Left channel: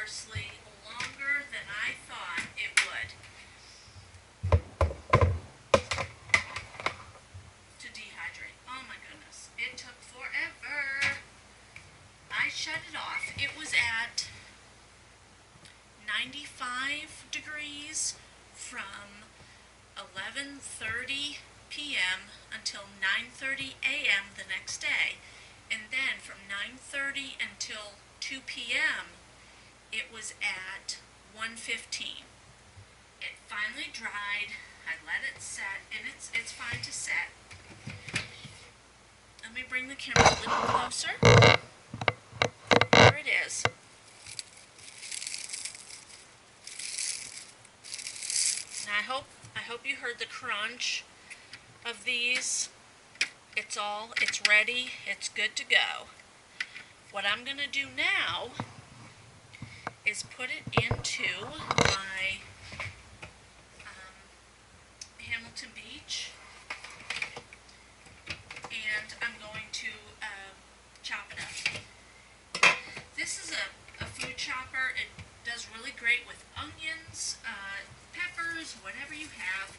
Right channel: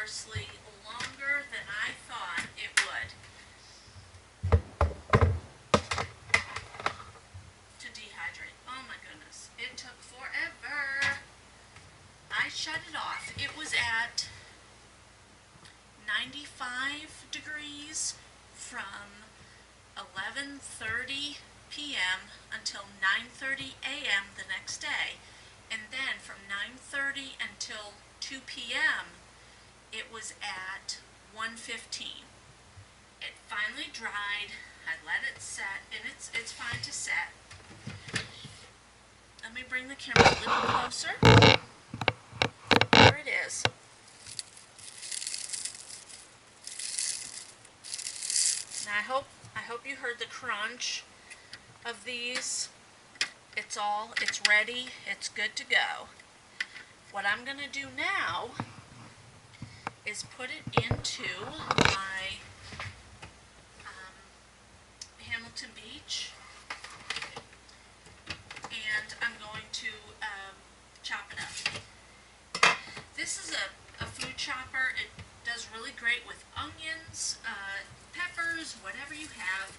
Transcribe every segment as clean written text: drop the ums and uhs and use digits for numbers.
parsley longer than I thought it would to dehydrate. Oh my goodness, it took forever. I shut it off. It was at 95 degrees from 11:30 p.m. until 9:30 a.m. the next day. And then from 9:30 until 2 p.m. it was at 1:15. It finally dried. I let it set, and it's fine to set. Let me bring the camera a little closer. There it is. Now I hope you heard the crunch of these. It's ready. It's good to go. What I'm going to do now is put it into my Hamilton Beach, and I'm going to chop it up. This is a food chopper. It does really great with onions, peppers, whatever you have.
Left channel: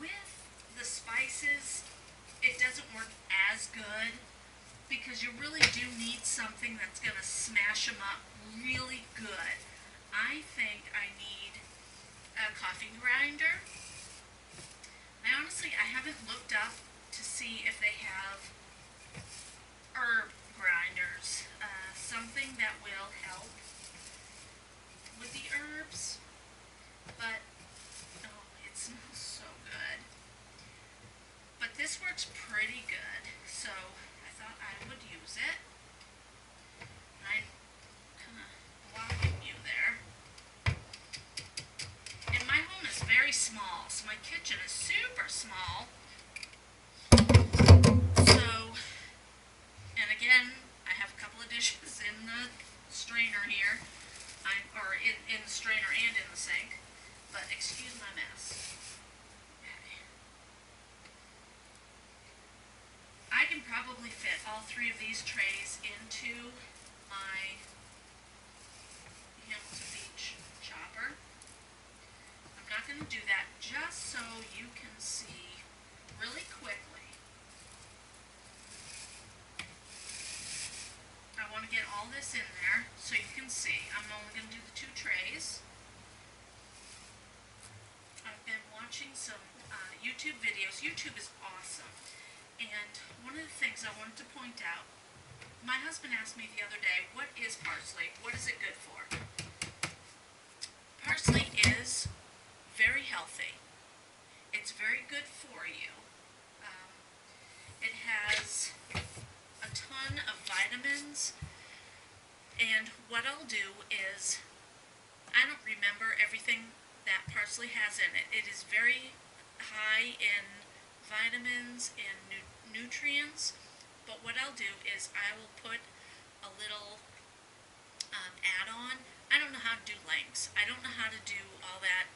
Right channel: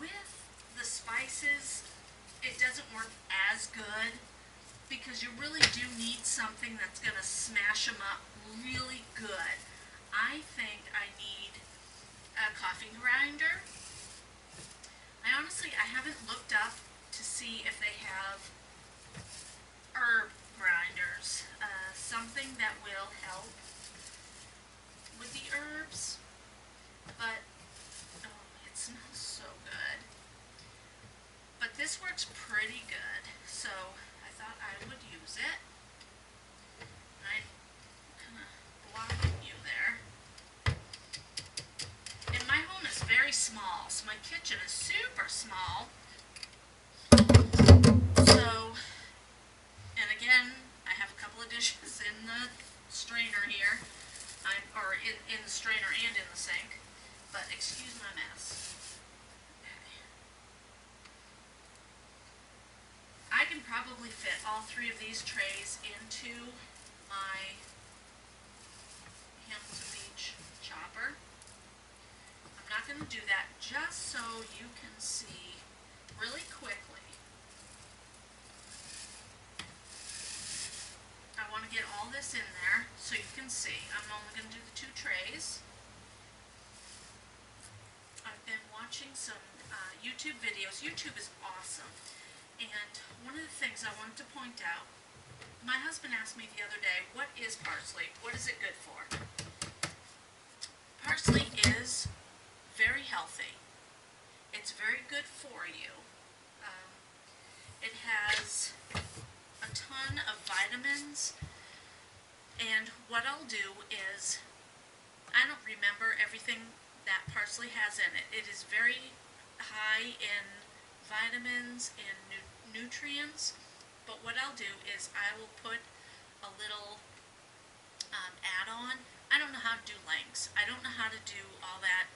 With the spices, it doesn't work as good because you really do need something that's going to smash them up really good. I think I need a coffee grinder. I haven't looked up to see if they have herb grinders, something that will help with the herbs, but oh, it smells so good. But this works pretty good, so I thought I would use it. I'm kind of blocking you there. And my home is very small, so my kitchen is super small. So, and again, I have a couple of dishes in the strainer here. In the strainer and in the sink. But excuse my mess. Okay. I can probably fit all three of these trays into my Hamilton Beach chopper. I'm not going to do that, just so you can see really quickly. I want to get all this in there so you can see. I'm only going to do the 2 trays. I've been watching some YouTube videos. YouTube is awesome. And one of the things I wanted to point out, my husband asked me the other day, what is parsley? What is it good for? Parsley is very healthy. It's very good for you. It has a ton of vitamins, and what I'll do is, I don't remember everything that parsley has in it. It is very high in vitamins and nutrients, but what I'll do is I will put a little add-on. I don't know how to do links. I don't know how to do all that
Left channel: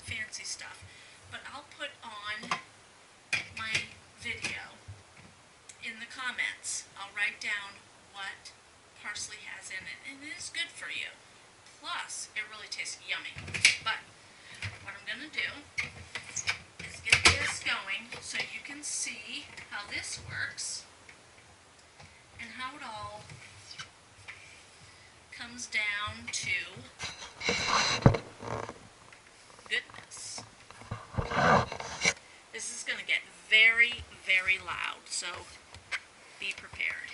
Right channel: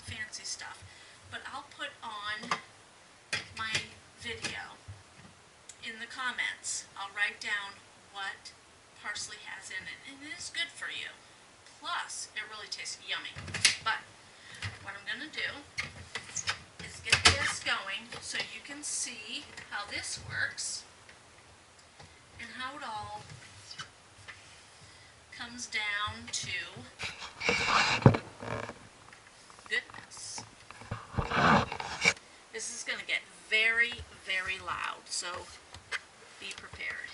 fancy stuff, but I'll put on my video in the comments. I'll write down what parsley has in it, and it is good for you. Plus, it really tastes yummy. But what I'm going to do is get this going so you can see how this works and how it all comes down to goodness. This is going to get very, very loud, so be prepared.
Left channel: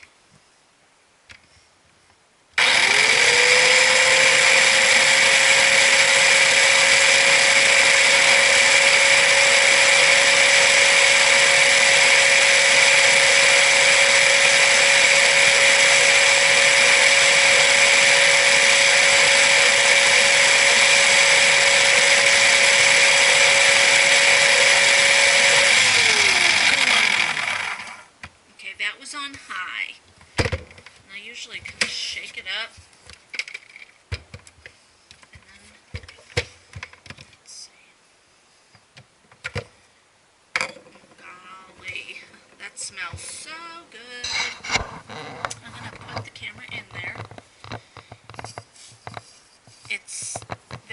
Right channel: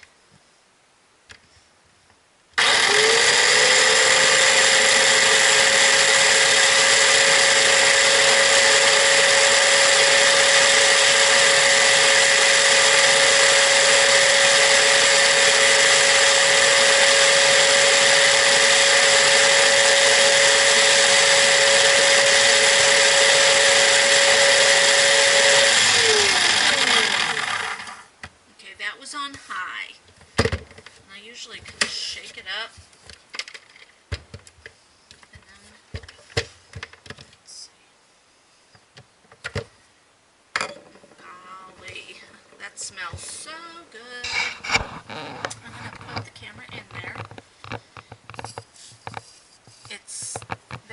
On high. And I usually kind of shake it up. And then, let's see. Golly, that smells so good. I'm going to put the camera in there.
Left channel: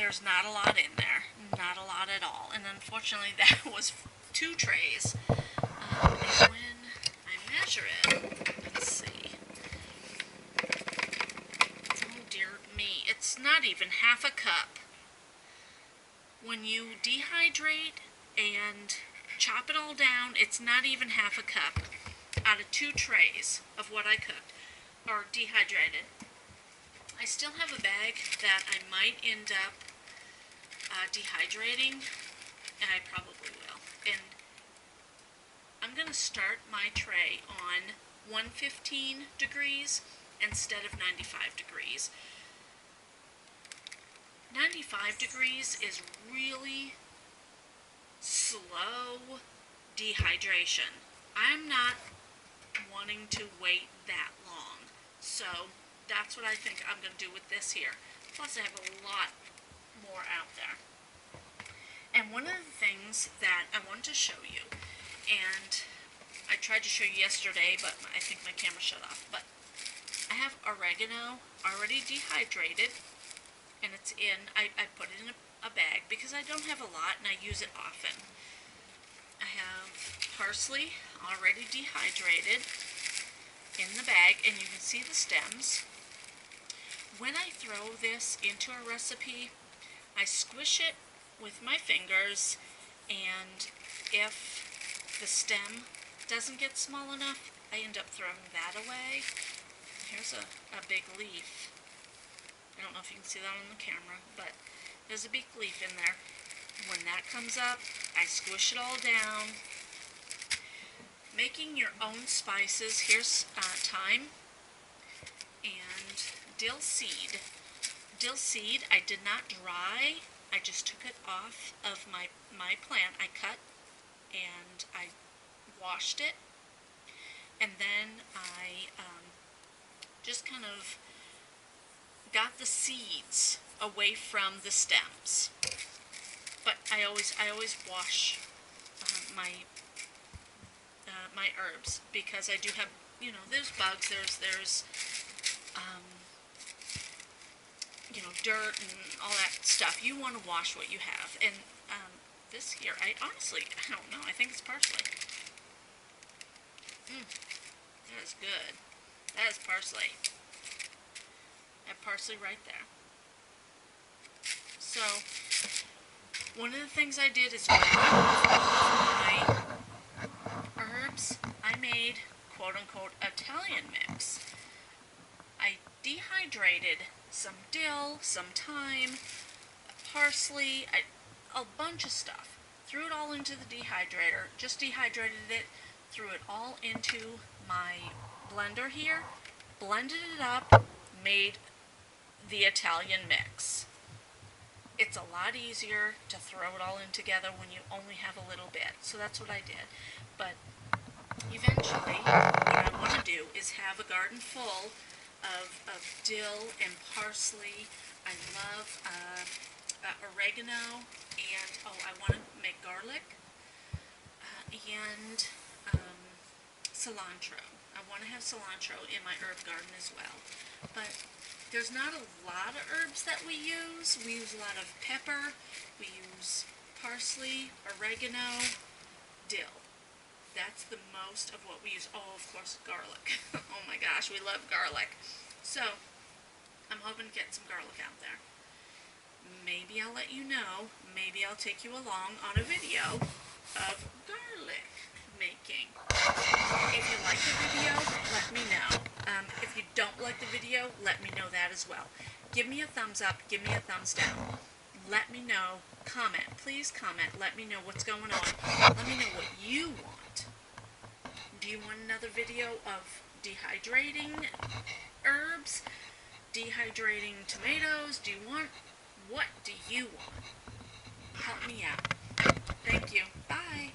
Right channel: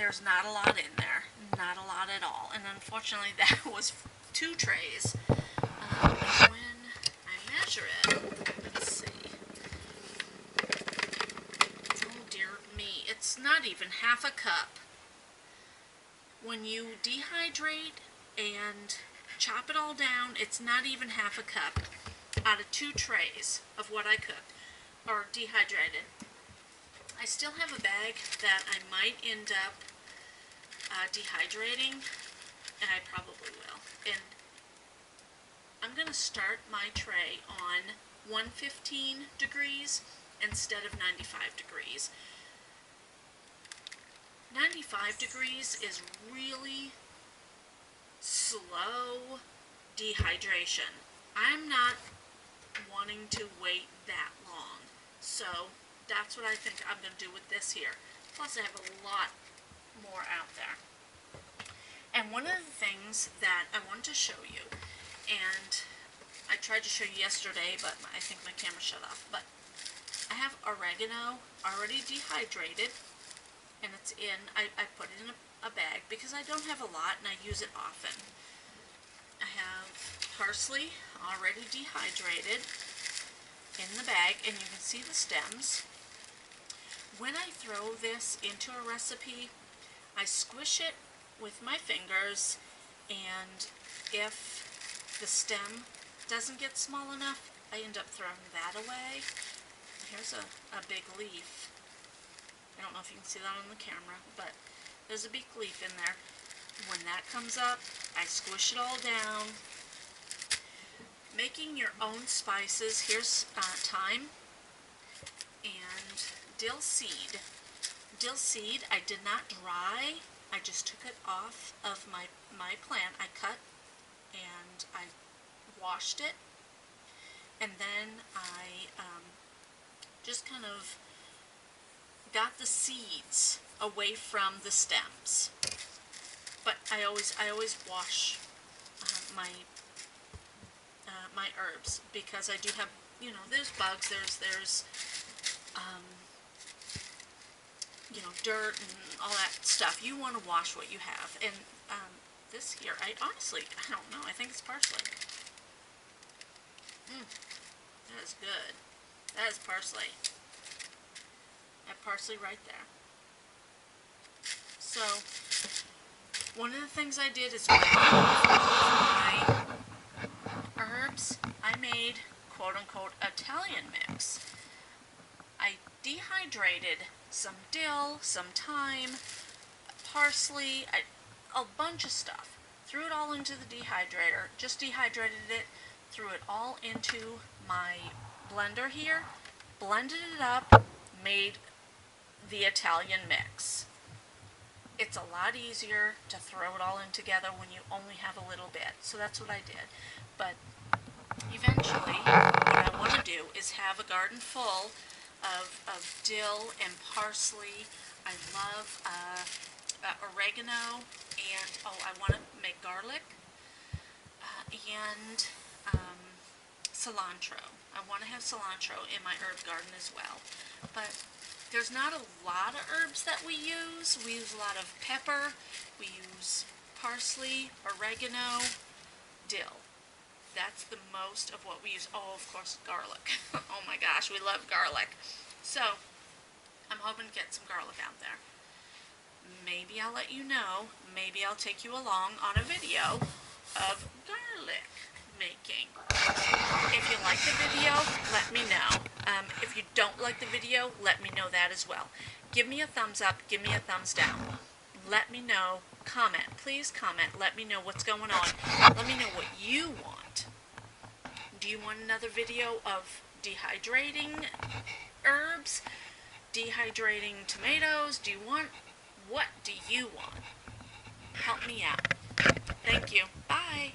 there's not a lot in there, not a lot at all, and unfortunately that was 2 trays. And when I measure it, let's see, oh dear me, it's not even half a cup. When you dehydrate and chop it all down, it's not even half a cup out of 2 trays of what I cooked or dehydrated. I still have a bag that I might end up dehydrating, and I probably will. And I'm going to start my tray on 115 degrees instead of 95 degrees. 95 degrees is really slow dehydration. I'm not wanting to wait that long, so that's what I think I'm going to do with this here. Plus I have a lot more out there. And one of the things that I wanted to show you, and I tried to show you yesterday, but I think my camera shut off, but I have oregano already dehydrated, and it's in, I put it in a bag because I don't have a lot and I use it often. I have parsley already dehydrated in the bag, and you can see the stems. When I throw this into a recipe, I squish it with my fingers, and if the stem doesn't get small enough, I end up throwing that away. Here's a big leaf. I don't know if you can see that on the camera, but there's a big leaf in there. When that comes up, I squish it all down. Making your own spices, here's thyme and dill seed. Dill seed I did not dry, I just took it off of my plant. I cut and I washed it, and then I just kind of got the seeds away from the stems. But I always wash my herbs, because I do have, you know, there's bugs, there's you know, dirt and all that stuff. You want to wash what you have. And this here, I don't know. I think it's parsley. That is good. That is parsley. I have parsley right there. So, one of the things I did is with my herbs, I made quote-unquote Italian mix. I dehydrated some dill, some thyme, parsley, a bunch of stuff. Threw it all into the dehydrator, just dehydrated it, threw it all into my blender here, blended it up, made the Italian mix. It's a lot easier to throw it all in together when you only have a little bit. So that's what I did. But eventually, what I want to do is have a garden full of dill and parsley. I love oregano, and I want to make garlic and cilantro. I want to have cilantro in my herb garden as well. But there's not a lot of herbs that we use. We use a lot of pepper, we use parsley, oregano, dill. That's the most of what we use. Oh, of course, garlic. Oh my gosh, we love garlic. So, I'm hoping to get some garlic out there. Maybe I'll let you know. Maybe I'll take you along on a video of garlic making. If you like the video, let me know. If you don't like the video, let me know that as well. Give me a thumbs up, give me a thumbs down. Let me know. Comment. Please comment. Let me know what's going on. Let me know what you want. Do you want another video of dehydrating herbs? Dehydrating tomatoes? Do you want... What do you want? Help me out. Thank you. Bye.